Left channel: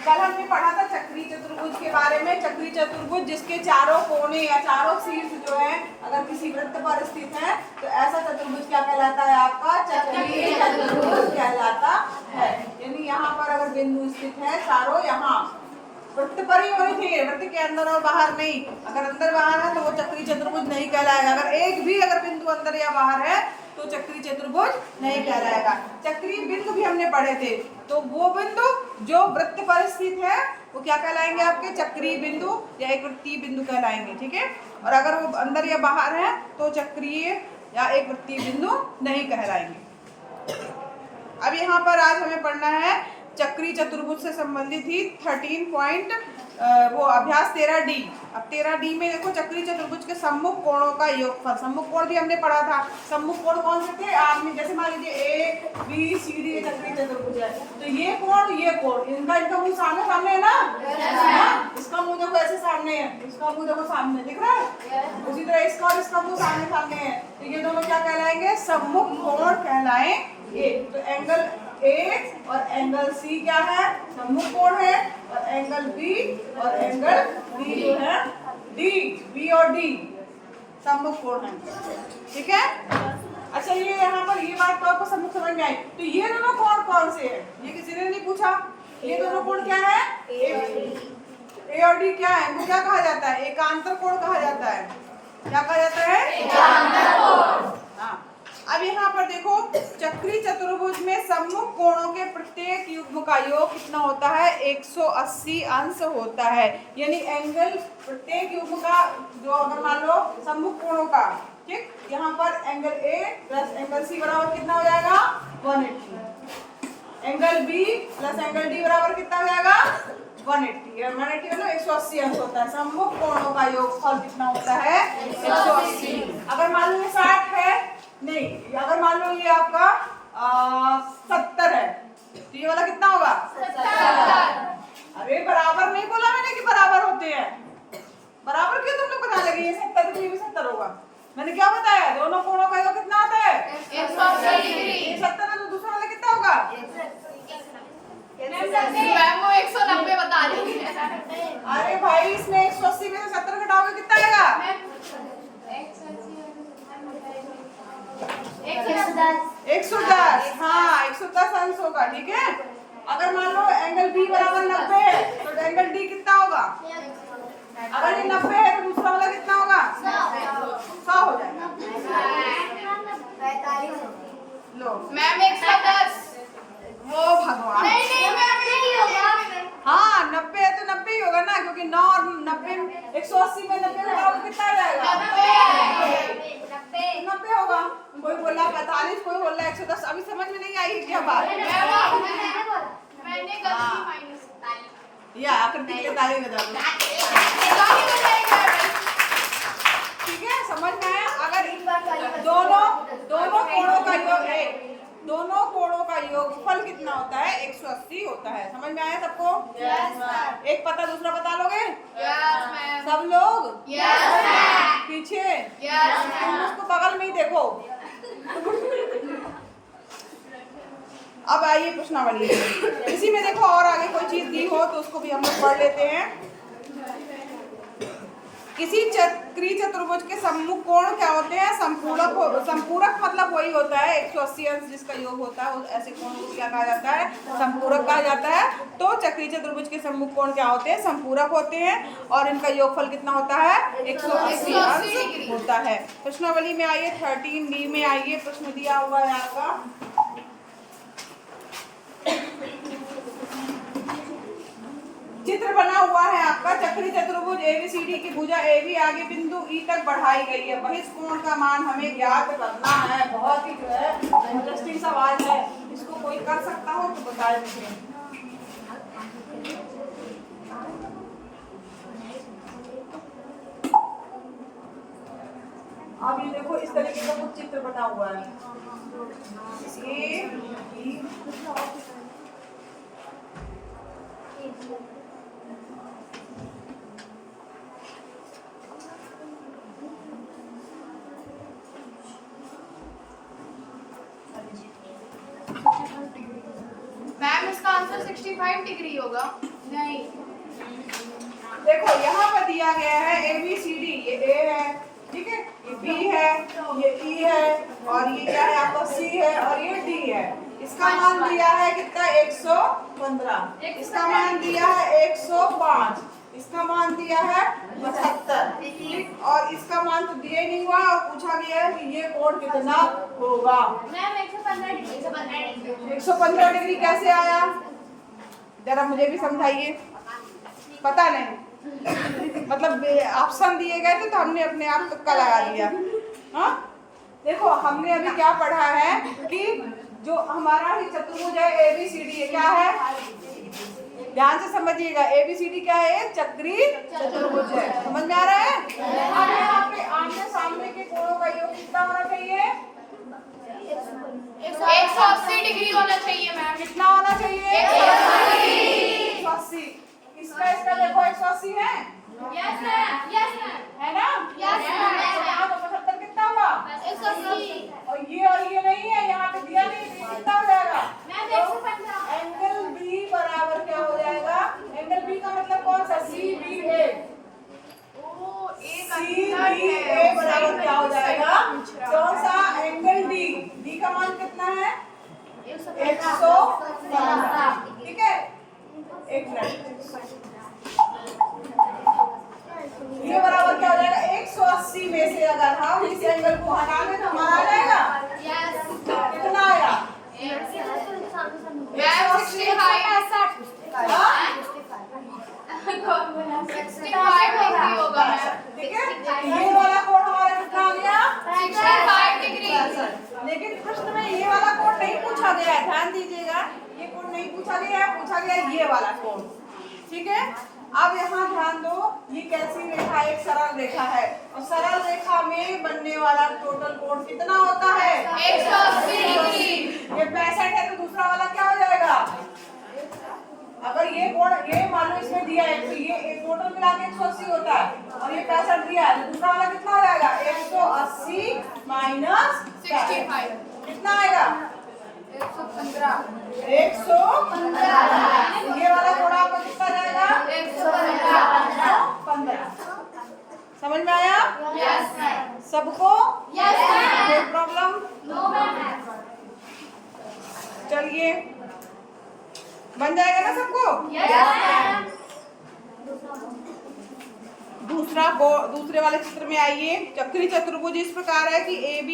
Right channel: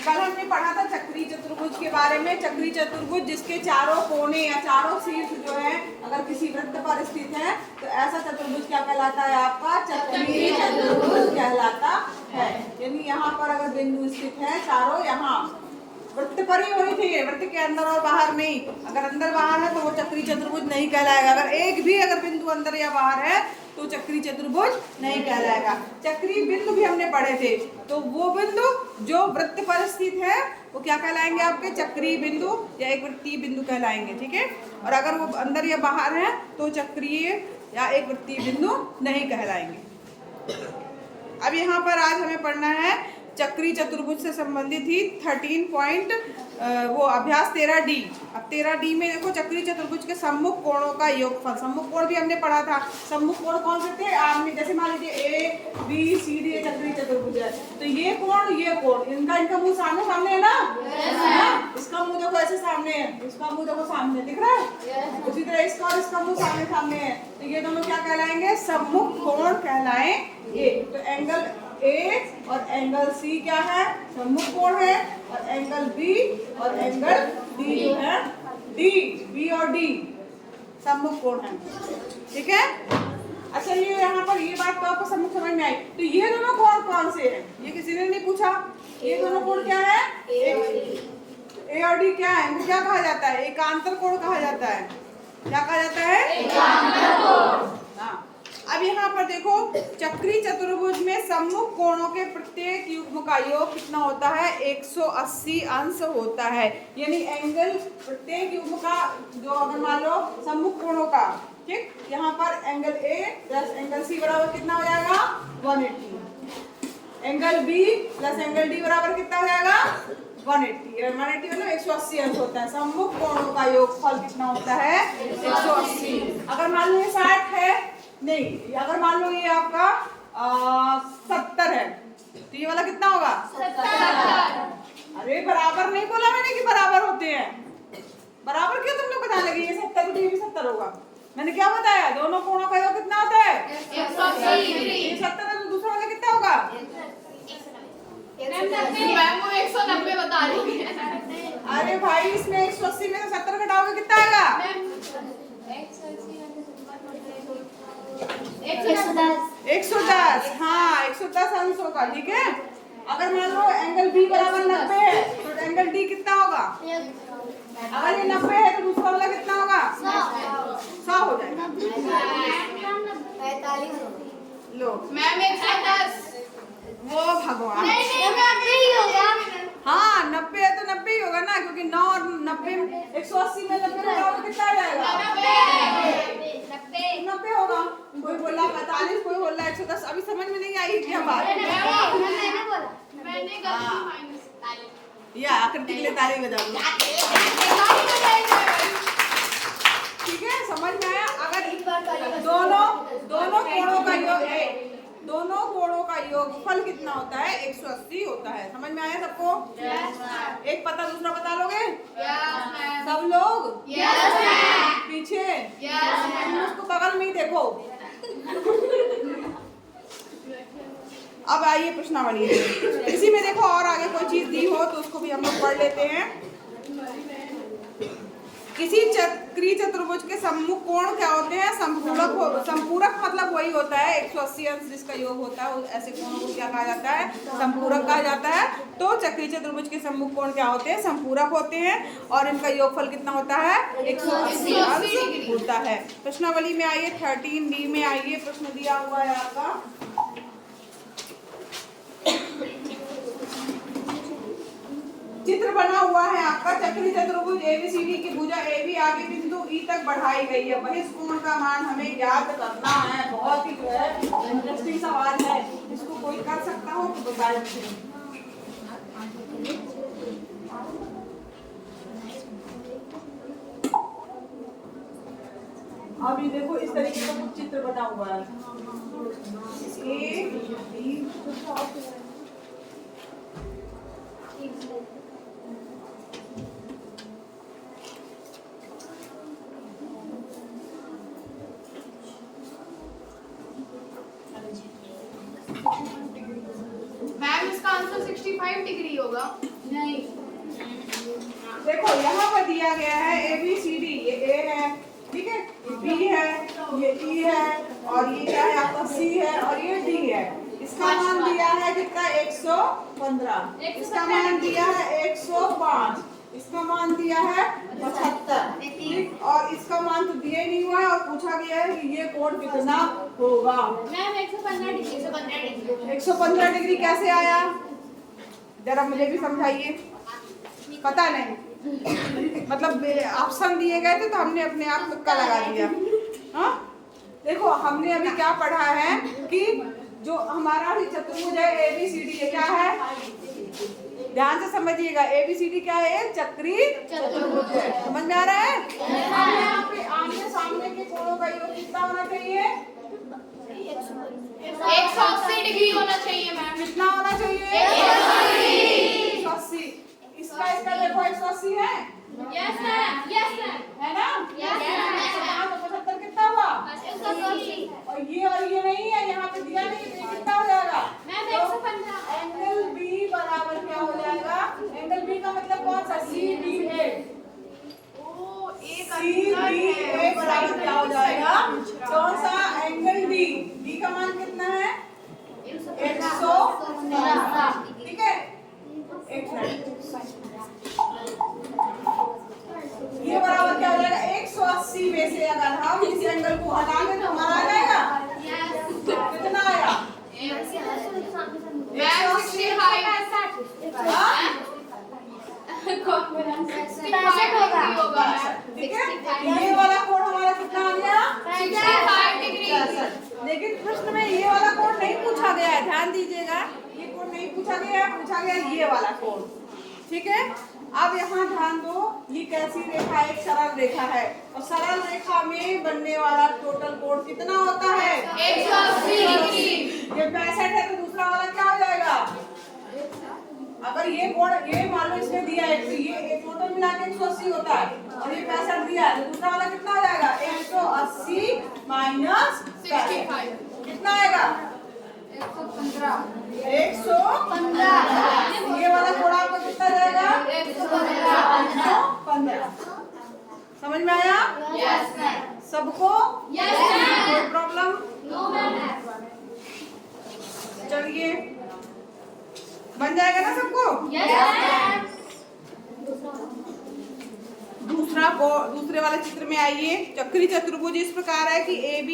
कल हमने पढ़ा था चक्री चतुर्भुज के बारे में। चक्री चतुर्भुज जिसके चारों कोने या चारों शीर्ष जो है अगर किसी वृत्त पर स्थित है तो ऐसा चतुर्भुज क्या कहलाता है? आपका चक्रीय चतुर्भुज कहलाता है। यानी यहाँ पर अगर बिंदु स्थित है चारों, यहाँ वृत्त पर ही होनी चाहिए, वृत्त के अंदर और बाहर नहीं। अगर अंदर बाहर है तो वो चक्रीय चतुर्भुज नहीं कहलाएगा। अगर एक भी अगर बिंदु अंदर या बाहर है तो चक्रीय चतुर्भुज नहीं कहलाएगा। चक्रीय बिंदु भी हमने पढ़े थे, तो वो बिंदु जो वृत्त पर स्थित है वो क्या कहलाएंगे? आपके चक्रीय बिंदु या एक वृत्तीय बिंदु कहलाएंगे। ठीक है, और अगर वो अंदर या बाहर है तो चक्रीय या एक वृत्तीय बिंदु नहीं कहलाएंगे। अब यहाँ पर आज हमें पढ़ना है चक्रीय चतुर्भुज से संबंधित ही 13 पॉइंट वो अभ्यास 13D। अब 13D में देखो चक्रीय चतुर्भुज के सम्मुख कोणों का योगफल। सम्मुख कोण भी हमने पढ़ा था। सम्मुख कोण कौन से थे? आपने जैसे मान लीजिए ABCD चक्रीय चतुर्भुज है, तो ये कोण इनका मुंह सामने सामने है ना? इसका मुंह देखो ऐसे सामने है, इसका मुंह देखो सामने दिख रहा है। उसी तरह इसका और इसका मुंह सामने सामने है, तो ये दोनों क्या कहलाएंगे? सम्मुख कोण कहलाएंगे। तो एंगल A और एंगल C क्या है? सम्मुख कोण है। और एंगल B और एंगल D जो है B और D सम्मुख कोण है। ठीक है, अच्छा ये यहाँ पर ये बात तो आपको समझ में आई। तो ये दोनों कोण कौन से हैं? ये किसी ने नहीं पूछा। ये दोनों कोण क्या है? A और D क्या है? इनको क्या कहा जाता है? एकांतर कोण कहा जाता है। क्या कहा जाता है? एकांतर कोण। हाँ, अब यहाँ पर देखो चक्रीय चतुर्भुज में सम्मुख कोणों के प्रत्येक युग्म का योग कितना होता है? 180 अंश होता है। यानी एंगल प्रत्येक युग्म का जो अगर मान लो सम्मुख कोणों का, ठीक, यहाँ पर angle A plus angle C बराबर कितना हो जाएगा? 180। Angle B plus angle D बराबर कितना हो जाएगा? 180। 180 मतलब 180 अंश होता है। सम्मुख कोणों का योगफल कितना होता है? 180। अगर मान लो ये 60 है, नहीं, अगर मान लो ये आपका 70 है, तो ये वाला कितना होगा? 70। अरे बराबर नहीं बोला मैंने कि बराबर होते हैं। बराबर क्यों तुम लोग बता लगे? ये 70 तो ये भी 70 होगा। मैंने क्या बताया? दोनों कोणों का योग कितना होता है? 180 डिग्री। ये 70 है तो दूसरा वाला कितना होगा? मैम वो 190 बता रही है। अरे भाई इसमें 180 में से 70 घटाओगे कितना आएगा? 110। हाँ 110 अंश होगा। ठीक है, अगर मान लो एंगल B बराबर 90 है तो एंगल D कितना होगा? अगर ये 90 है तो दूसरा वाला कितना होगा? 100 हो जाएगा। लो मैम 110। वो भगवान, नहीं मैम नहीं होगा। हाँ 90 है तो 90 ही होगा ना, क्योंकि 9 और 90 180 में 90 घटाओगे कितना आ जाएगा? 90 होगा। कोई बोला 45, कोई बोला 110। अभी समझ में नहीं आई क्या बात? मैंने गलती माइनस या आकृति के लिए ताली बजा दो। ठीक है, समझ में आया? अगर दोनों कोणों का योगफल कितना होता है? 180 होता है। समझ में आया सबको? एक पता दूसरा बता लोगे? सब लोग पीछे उसको बगल में ही देखो। अब आइए प्रश्नावली। इसी में देखो और आगे कोई चीज दी हो तो उसको भी हम लोग पढ़ लेते हैं। किसी चक्रीय चतुर्भुज के सम्मुख कोण क्या होते हैं? संपूरक मतलब वही होता है 180 अंश जिसका योग होता है, ऐसे कोण को क्या कहा जाता है? संपूरक कहा जाता है। तो चक्रीय चतुर्भुज के सम्मुख कोण क्या होते हैं? संपूरक होते हैं और इनका योगफल कितना होता है? 180 अंश होता है। प्रश्नावली में आइए 13D में आइए, प्रश्न दिया हुआ है आपका। चित्र बना हुआ है आपका। चक्रीय चतुर्भुज ABCD की भुजा AB आगे बिंदु E तक बढ़ाई गई है। बहिष कोण का मान हमें ज्ञात करना है। बहुत ही जो है इंटरेस्टिंग सवाल है, इसको कोई कर सकता हो तो बताए मुझे। अब ये देखो इस तरीके का कुछ चित्र बना हुआ है। मैम इसका आंसर 65 डिग्री होगा। नहीं। देखो यहाँ पर दिया गया है ABCD, ये A है, ठीक है, ये B है, ये E है, और ये क्या है आपका C है, और ये D है। इसका मान दिया है कितना? 115। इसका मान दिया है 105। इसका मान दिया है 75, ठीक। और इसका मान तो दिया ही नहीं हुआ है, और पूछा गया है कि ये कोण कितना होगा। Ma'am 115 degree. 115 डिग्री कैसे आया? जरा मुझे भी समझाइए। पता नहीं, मतलब ऑप्शन दिए गए थे तो हमने अपने आप तुक्का लगा दिया। हाँ, देखो हमने अभी क्या पढ़ा है कि जो हमारा भी चतुर्भुज है ABCD, ये क्या है? ध्यान से समझिएगा, ABCD क्या है? चक्री चतुर्भुज है। समझ में आ रहा है? अब यहाँ पे आमने सामने के कोणों का योग कितना होना चाहिए? 180 डिग्री होना चाहिए मैम। कितना होना चाहिए? 180। इसका देखो 180 है, यस मैम। Yes ma'am. है ना? Yes, तो 75 कितना हुआ? 180। और ये नहीं है, यहाँ पे दिया नहीं, तो ये कितना हो जाएगा? मैम 115। एंगल बी बराबर क्या हो जाएगा? एंगल बी का मतलब कौन सा? CBA। CBA बराबर क्या हो जाएगा? कौन सा? Angle D। D का मान कितना है? 115, ठीक है। एक मिनट, ये बराबर क्या हो जाएगा? 180 में से अगर हम इस एंगल को हटा दें तो हमारा आ जाएगा कितना आया? मैम 65। हाँ? 65 डिग्री होगा मैम। ठीक है, ये वाला कोण हमारा कितना आ गया? 65 डिग्री। लेकिन प्रश्न में ये वाला कोण नहीं पूछा गया है, ध्यान दीजिएगा। ये कोण नहीं पूछा गया है, पूछा गया ये वाला कोण, ठीक है। अब यहाँ ध्यान दो, ये कैसी रेखा? एक सरल रेखा है, और सरल रेखा में बनने वाला टोटल कोण कितना होता है? 180 डिग्री। ये 65 है, तो दूसरा वाला क्या हो जाएगा? अगर ये कोण, ये मान लो इसमें दिया है, तो ये टोटल मिला के 180 होता है, और ये 65 दिया है, तो दूसरा वाला कितना हो जाएगा? 180 माइनस 65 कितना आएगा? 115। 115। ये वाला कोण आपका कितना जाएगा? 115। समझ में आया? Yes ma'am. सबको? Yes ma'am. कोई प्रॉब्लम? No ma'am. चलिए, बन जाएगा ना सबको? Yes ma'am. दूसरे वाले चित्र में आइए। चक्री चतुर्भुज इस प्रकार है कि AB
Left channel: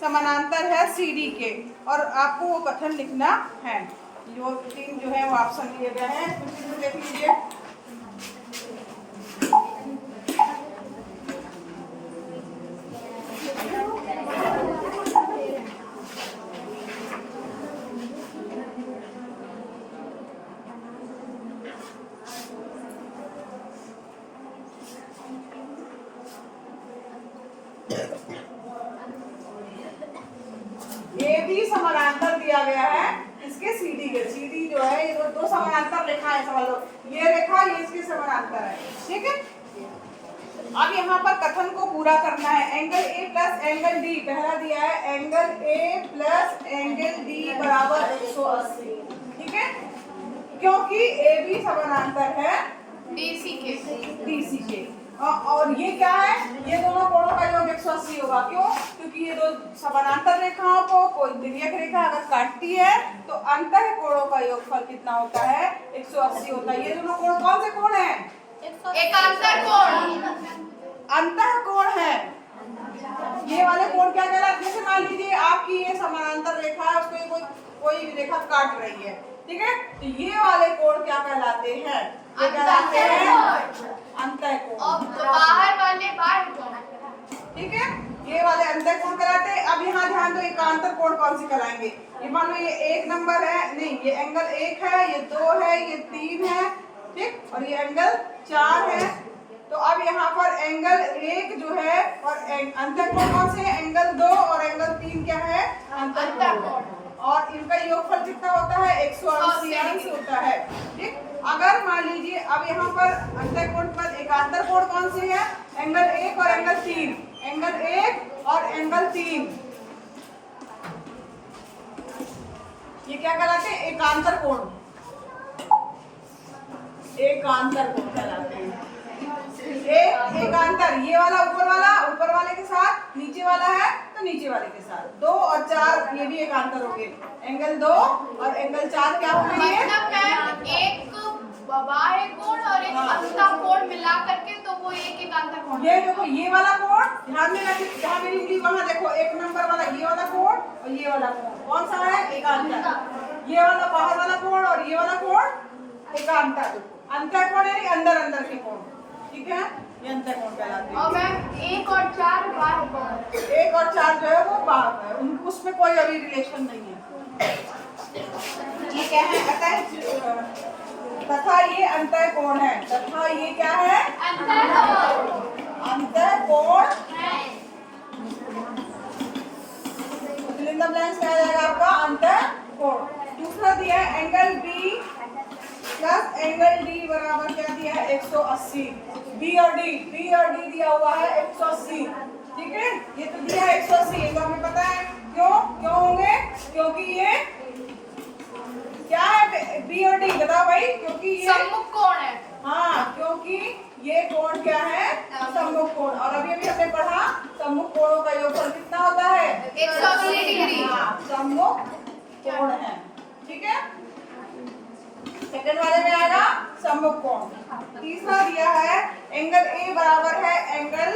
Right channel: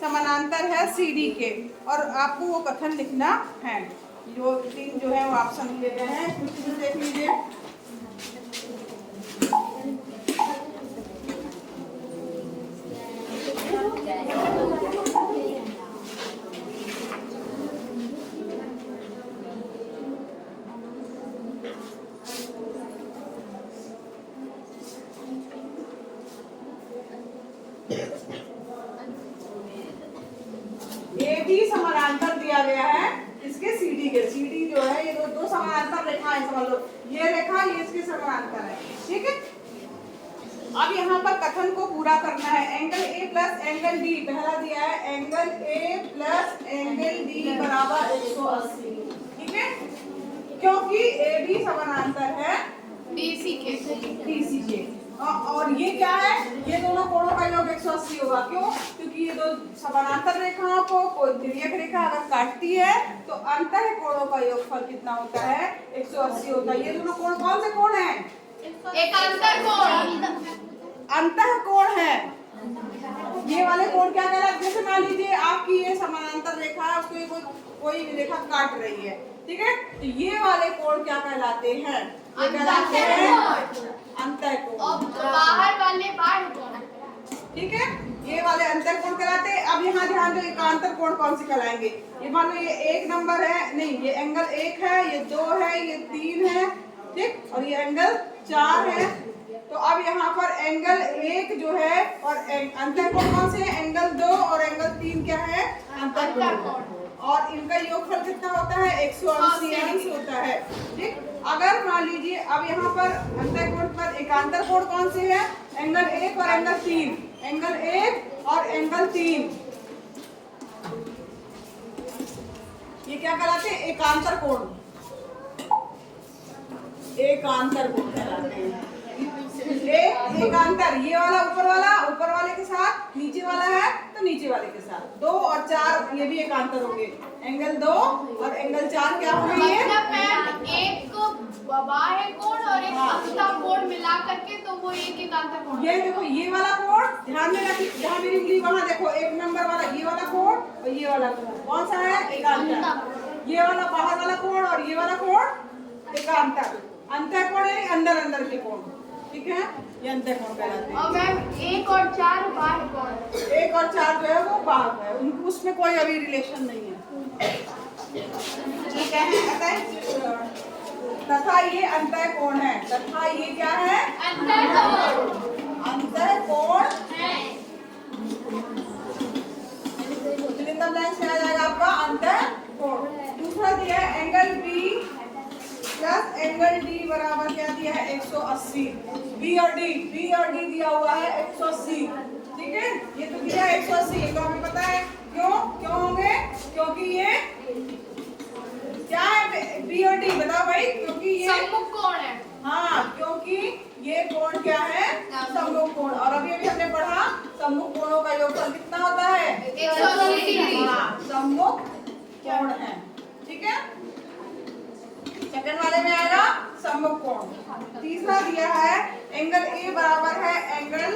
समानांतर है CD के, और आपको वो कथन लिखना है। जो 3 जो है वो ऑप्शन दिए गए हैं, कुछ देख लीजिए। AB समानांतर दिया गया है इसके CD के। CD जो है ये दो समानांतर रेखाएं, समझ लो ये रेखा, ये इसके समानांतर है, ठीक है। अब यहाँ पर कथन को पूरा करना है। Angle A plus angle D, पहला दिया है angle A plus angle D बराबर 180, ठीक है, क्योंकि AB समानांतर है DC के। और ये क्या है? ये दोनों कोणों का योग 180 होगा। क्यों? क्योंकि ये दो समानांतर रेखाओं को कोई तिर्यक रेखा अगर काटती है तो अंतः कोणों का योगफल कितना होता है? 180 होता है। ये दोनों कोण कौन से कोण हैं? एकांतर कोण। अंतः कोण है। ये वाले कोण क्या कहलाते हैं? जैसे मान लीजिए आपकी ये समानांतर रेखा है, उसको ये कोई रेखा काट रही है, ठीक है, तो ये वाले कोण क्या कहलाते हैं? ये कहलाते हैं अंतः कोण। बाहर वाले बाहर कोण, ठीक है, ये वाले अंतः कोण कहलाते हैं। अब यहाँ ध्यान दो, एकांतर कोण कौन से कहलाएंगे? ये मान लो ये 1 नंबर है, नहीं ये एंगल 1 है, ये 2 है, ये 3 है, ठीक, और ये एंगल 4 है। तो अब यहाँ पर एंगल 1 जो है और अंतः कोण कौन से है? एंगल 2 और एंगल 3 क्या है? अंतः कोण। और इनका योगफल कितना होता है? 180 अंश होता है, ठीक। अगर मान लीजिए अब यहाँ पर अंतः कोण पर एकांतर कोण कौन से है? एंगल 1 और एंगल 3, एंगल 1 और एंगल 3, ये क्या कहलाते हैं? एकांतर कोण। एकांतर कोण कहलाते हैं। एकांतर, ये वाला ऊपर वाले के साथ, नीचे वाला है तो नीचे वाले के साथ, 2 और 4 ये भी एकांतर हो गए। एंगल 2 और एंगल 4 क्या हो गए? मतलब मैम एक बाह्य कोण और एक अंतः कोण मिला करके तो वो एक एकांतर कोण। ये देखो, ये वाला कोण ध्यान में रखिए, जहाँ मेरी उंगली वहाँ देखो, 1 नंबर वाला ये वाला कोण और ये वाला कोण कौन सा है? एकांतर। ये वाला बाहर वाला कोण और ये वाला कोण एकांतर। अंतर कोण है अंदर के कोण, ठीक है, ये अंतर कोण कहलाते हैं। और मैम 1 और 4 बाह्य कोण। 1 और 4 जो है वो बाहर है, उनको उसमें कोई अभी रिलेशन नहीं है, ठीक है। तथा ये अंतर कोण है, तथा ये क्या है? अंतर कोण। अंतर कोण फिलिंदम लाइन से आ जाएगा आपका अंतर कोण। दूसरा दिया है angle B plus angle D बराबर क्या दिया है? 180। बी और डी दिया हुआ है 180, ठीक है, ये तो दिया है 180, ये तो हमें पता है। क्यों होंगे? क्योंकि ये क्या है? बी और डी बताओ भाई। क्योंकि ये सम्मुख कोण है। हाँ, क्योंकि ये कोण क्या है? सम्मुख कोण। और अभी हमने पढ़ा सम्मुख कोणों का योगफल कितना होता है? 180 डिग्री। हाँ, सम्मुख कोण है, ठीक है। सेकंड वाले में आएगा सम्मुख कोण। तीसरा दिया है एंगल ए बराबर है एंगल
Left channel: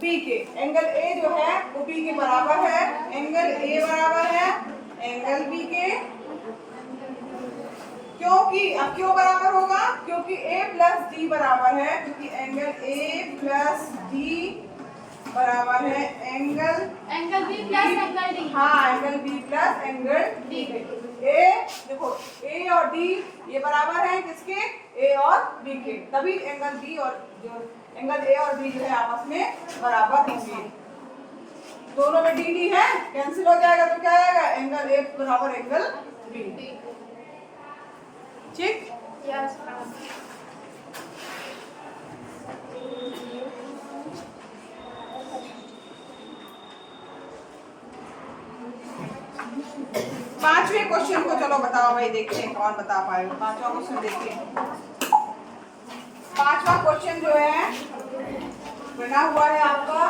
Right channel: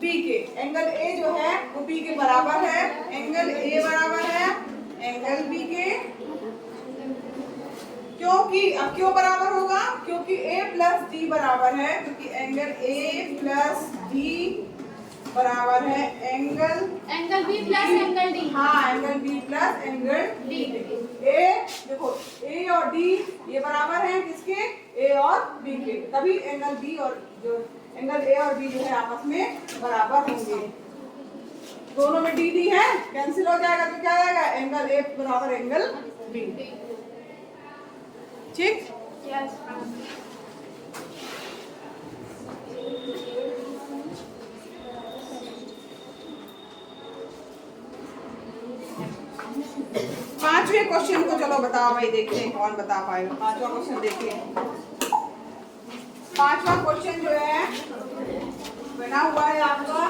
बी के। एंगल ए जो है वो बी के बराबर है, एंगल ए बराबर है एंगल बी के। क्योंकि अब क्यों बराबर होगा? क्योंकि a प्लस डी बराबर है, क्योंकि एंगल a प्लस डी बराबर है angle B plus angle d. हाँ, angle b plus angle d. a देखो, a और d ये बराबर है किसके? a और b के, तभी एंगल b और जो एंगल a और b जो है आपस में बराबर होंगे। दोनों में डी डी है, कैंसिल हो जाएगा तो क्या आएगा? एंगल a बराबर एंगल b, ठीक। Yes ma'am. पांचवें क्वेश्चन को चलो बताओ भाई, देखते हैं कौन बता पाएगा। पांचवा क्वेश्चन देखिए। पांचवा क्वेश्चन जो है बना हुआ है आपका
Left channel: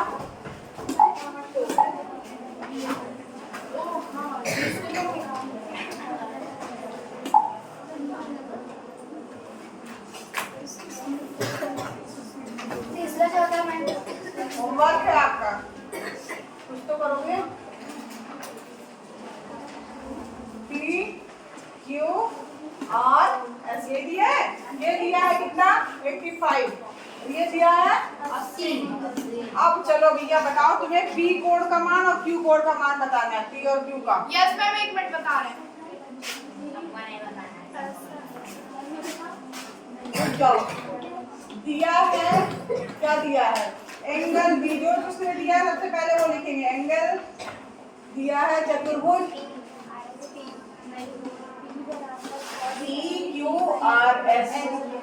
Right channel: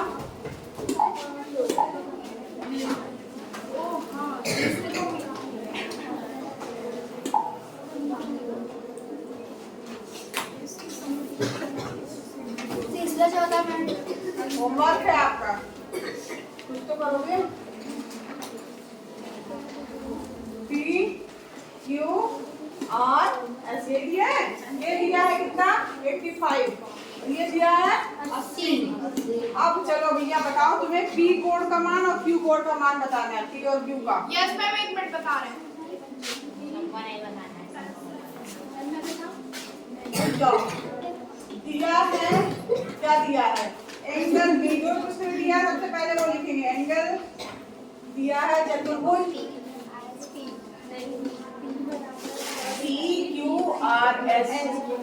होमवर्क है आपका, कुछ तो करोगे। P Q R S ये दिया है, ये दिया है कितना? 85, ये दिया है 80। अब चलो भैया बताओ, तुम्हें P कोण का मान और Q कोण का मान बताना है, P और Q का। यस मैम, 1 मिनट बता रहे हैं। दिया है, क्या दिया है? एंगल बी, जो उसने दिया है सबसे पहले वो लिखेंगे। एंगल दिया है चतुर्भुज PQRS।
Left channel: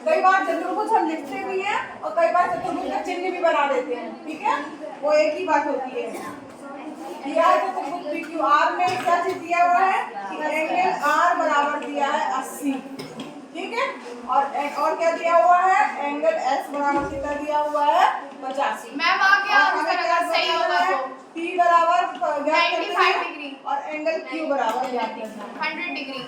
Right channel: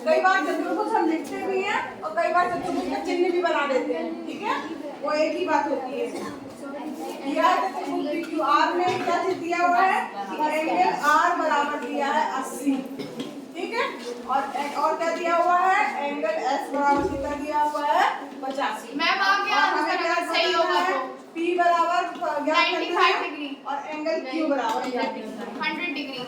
कई बार चतुर्भुज हम लिखते भी हैं और कई बार चतुर्भुज का चिन्ह भी बना देते हैं, ठीक है, वो एक ही बात होती है। दिया है चतुर्भुज PQR में क्या चीज दिया हुआ है कि एंगल R बराबर दिया है 80, ठीक है, और क्या दिया हुआ है? एंगल S बराबर कितना दिया हुआ है? 85। मैम आ गया, हमें क्या सही होगा तो P बराबर 95 डिग्री और एंगल Q बराबर 100 डिग्री।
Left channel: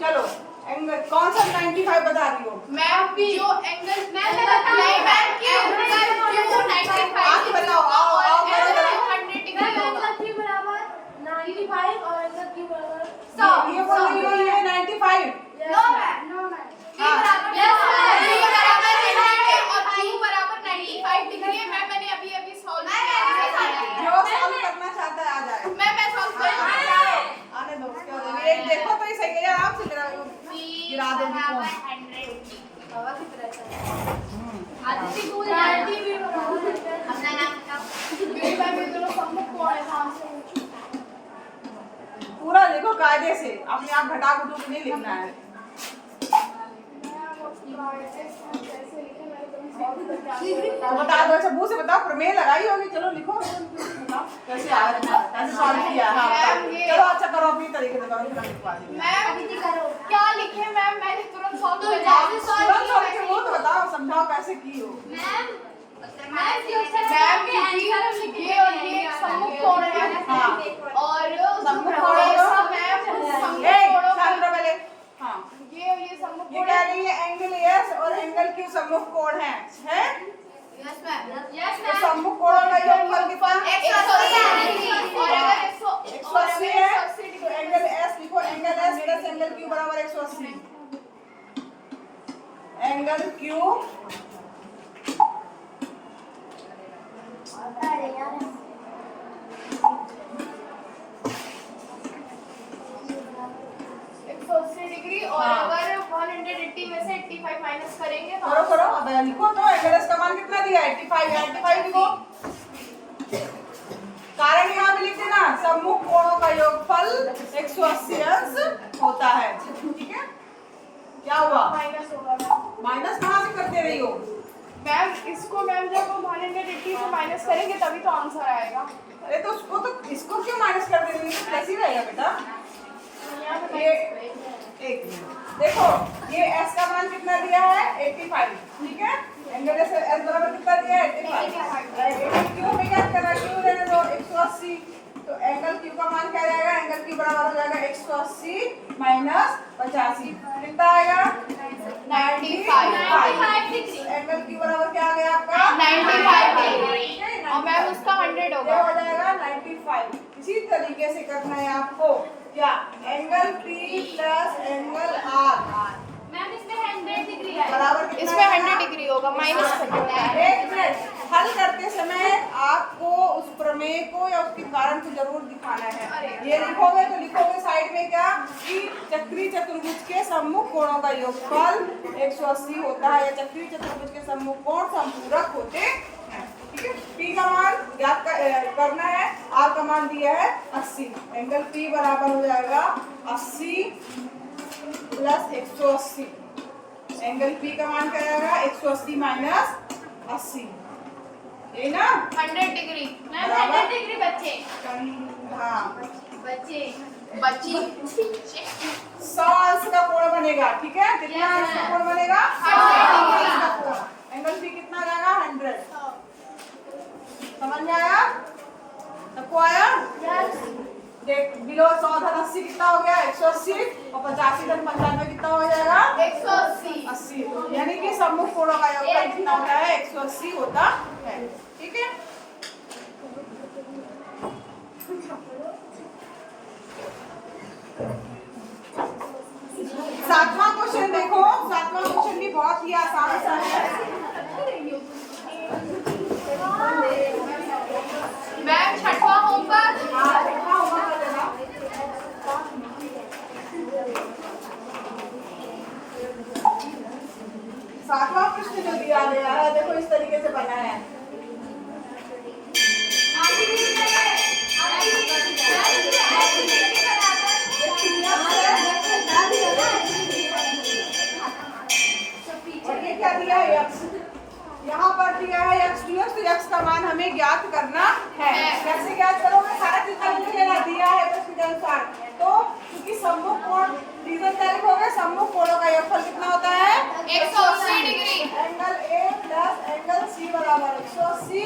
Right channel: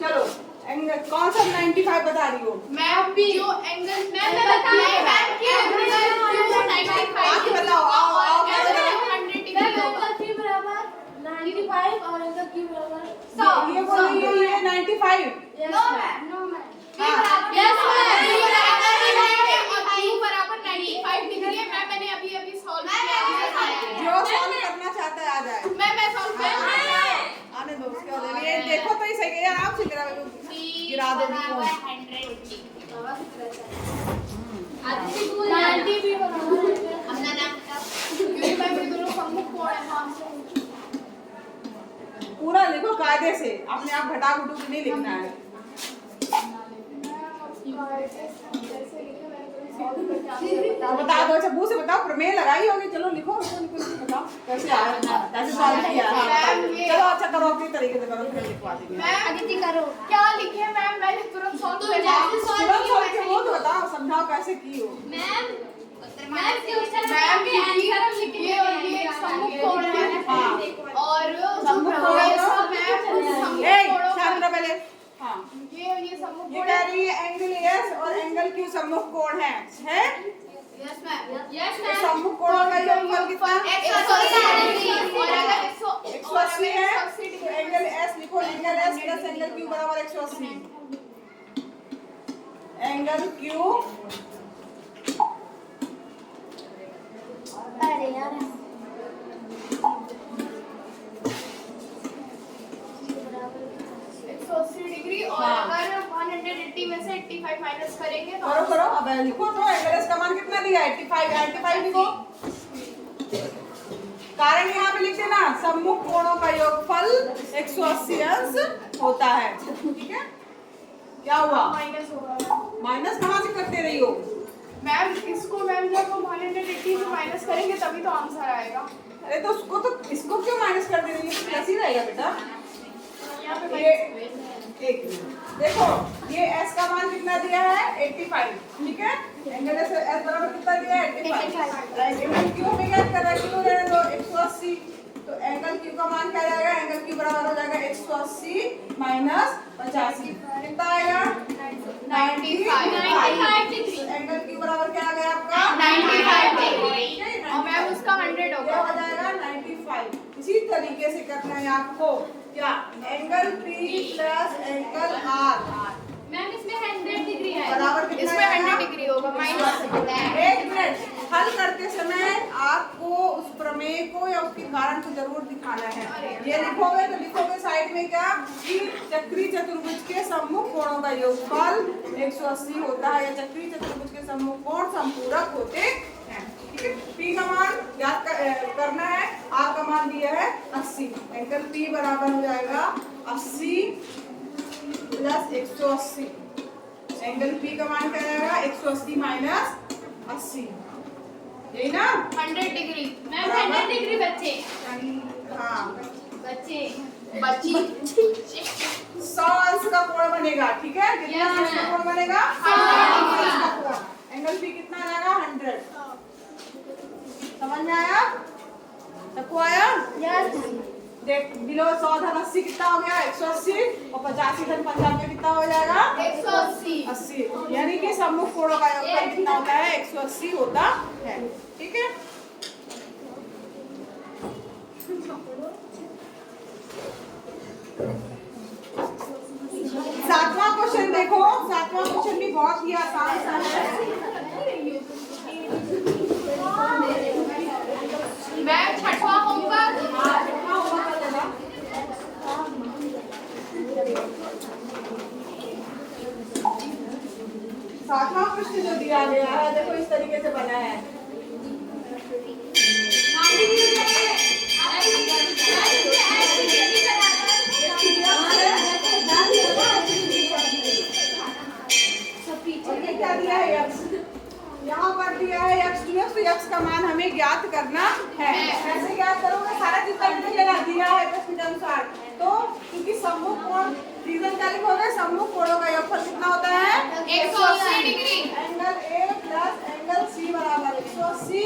चलो एंगल कौन सा 95 बता रही हो? मैम जो एंगल मैंने बताया मैम कि एंगल Q 95 आप बताओ, आओ 100 डिग्री होगा। Q बराबर 95 और एंगल Q बराबर 100। ये बोल रही हो ये 95। नो मैम, P बराबर Yes, Q ma'am. बराबर 90 और Q बराबर 95 डिग्री है। मैम मैंने अभी सॉल्व किया। जो सॉल्व करना चाहता है आ जाए। मैं सॉल्व कर आने दो, क्या हो रहा है? ये देखो तो ही सही है यार, आप से गिरा दो फोन। बाबा की तरह से आदित्य को 90 भी बराबर है। अपना नाम बताओ, क्योंकि मैम ये दोनों सम्मुख कोण है। हाँ पूरा लिखो कायदे से, अपने आप घटा घटू के नहीं लिखना है। बता दो, अच्छा मुंह से बताओ, प्रमेय लगाई होगी, चलो लिखो, बताओ कैसे आ रहा है, कैसे सॉल्व किया है। हाँ, चलो अच्छा करो अपनी तरीके से करो, लिखवा देंगे। मैम अदिति करो, क्या लिखे मैम? मैंने तुरंत सॉल्व कर दिया। ऐसे की हो? मैम मैम क्योंकि ये एक सम्मुख कोण है हाँ। और सम्मुख जो कोण है तो? सब है उस सम्मुख ए, कोणों शांत का रहो पहले। हाँ, ये सम्मुख ये कोण कह है। रही है एंगल एस और एंगल क्यू सम्मुख कोण है? यस मैम तो सम्मुख कोणों का योगफल कितना? 180 और अगर 180 है तो एंगल एस लिखो, angle S plus angle Q बराबर 180। एंगल क्यू अरे यार 180 डिग्री और हाँ। अगर 180 में से 85 माइनस करेंगे तो करो करो, अब लिखो तो एंगल एस का मान कितना दिया है? 85 लिखो। कारण यहाँ पे लिख देना, सम्मुख कोणों का योगफल 180 अंश होता है। ठीक है, क्या हुआ? माइनस होगा मैम। माइनस कहाँ से करते रही हो? मैम इसको मैम जब हम 180 से माइनस करेंगे तभी तो आंसर आएगा। अरे तो उसको तो इसको क्यों माइनस कर दे रही है? तो कैसे ही रहेगा बेटा? यहाँ पे ये एक मिनट देखो, ये s का मान कितना दिया है? 85। ठीक है, एंगल एस बराबर कितना दिया है? 85। एंगल क्यू में क्या कर रहा है? क्यू रहने दो 180, तो एंगल क्यू का मान क्या जाएगा? एंगल क्यू बराबर हो जाएगा 180 माइनस 85, कितना आएगा? 95। एंगल क्यू बराबर क्या आ गया आपका? 95 डिग्री और मैम उसका 100 ये होगा। हो जाएगा 95। इसी तरीके से करना है आपको, क्या? Angle P plus angle R ma'am इसमें 100 डिग्री है बराबर कितना इसमें आएगा? 100 डिग्री होगा माइनस। एक मिनट, हल करते समय आपको उस प्रमेय को या उसके कारण को जरूर दिखाना है। ये लिखोगे तो लिखोगे साइड में क्या कि चक्री चतुर्भुज के सम्मुख कोणों का योगफल 180 होता है, या चक्री चतुर्भुज के सम्मुख कोण संपूरक होते हैं। ठीक है, P का मान याद करना है, R का मान दिया है 80। एंगल P बराबर हो जाएगा 80 प्लस 180। एंगल P का मान क्या आएगा? 180 माइनस 80, यही ना? 100 डिग्री मैम बराबर। 100 डिग्री बच्चे हाँ, बच्चे बच्ची 100 अंश का कोण बनेगा। ठीक है, कितना Yes, अंश का ma'am. कोण बनेगा? 100 अंश का कोण। एंगल P कितना आ जाएगा? 100। समझ में आया? सबको आया? यस देख, बिलो 100 धन 80 कितना हो गया? 180, और 85 धन 95 कितना हो जाएगा? 180। 80। यानी कि सम्मुख कोणों का योगफल कितना होता है? 180 होता है। ठीक है, सातवां क्वेश्चन देखो। सातवां क्वेश्चन भी बहुत ही आसान सा है। मैम छठवां होगा। हाँ, कितना होगा कर देना। सातवां प्रश्न जो दिया गया है, देखो इस तरीके से बना है। और ये क्या दिया है? x। यहाँ पर दिया है x dx, तो x का मान हमें ज्ञात करना है। कैसे ज्ञात करोगे? सारा चीज का लेना दिया है प्रश्न के अनुसार। तो क्योंकि सम्मुख कोण रीजन क्या लिखोगे? सम्मुख कोणों का योगफल कितना होता है? 180 degree. Angle A plus angle C बराबर 180।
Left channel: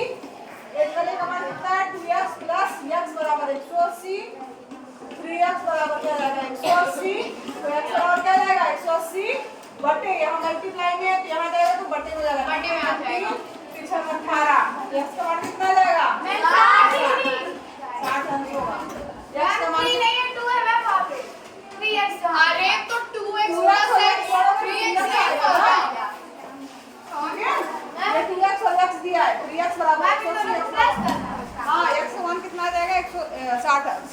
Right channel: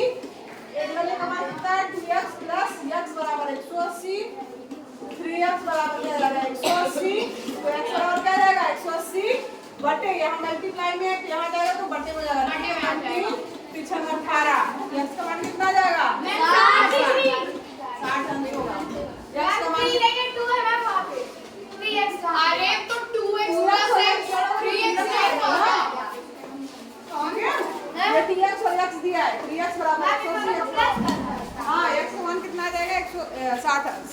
एंगल A का मान कितना है? 2x प्लस x बराबर 180। 3x बराबर क्या जाएगा? 180। तो x बराबर क्या जाएगा? 180 बटे, यहाँ मल्टीप्लाई में है, यहाँ जाएगा तो बटे हो जाएगा। बटे में आ जाएगा। पीछे 18। x का मान कितना जाएगा? 60 अंश होगा। x का मान अरे तो 2x 2x और प्लस x बराबर 3x 3x आएगा ना? ठीक है, ये 2x और x दिया है। 3x बराबर 180 हाँ, x का मान कितना आ जाएगा? 160 अंश।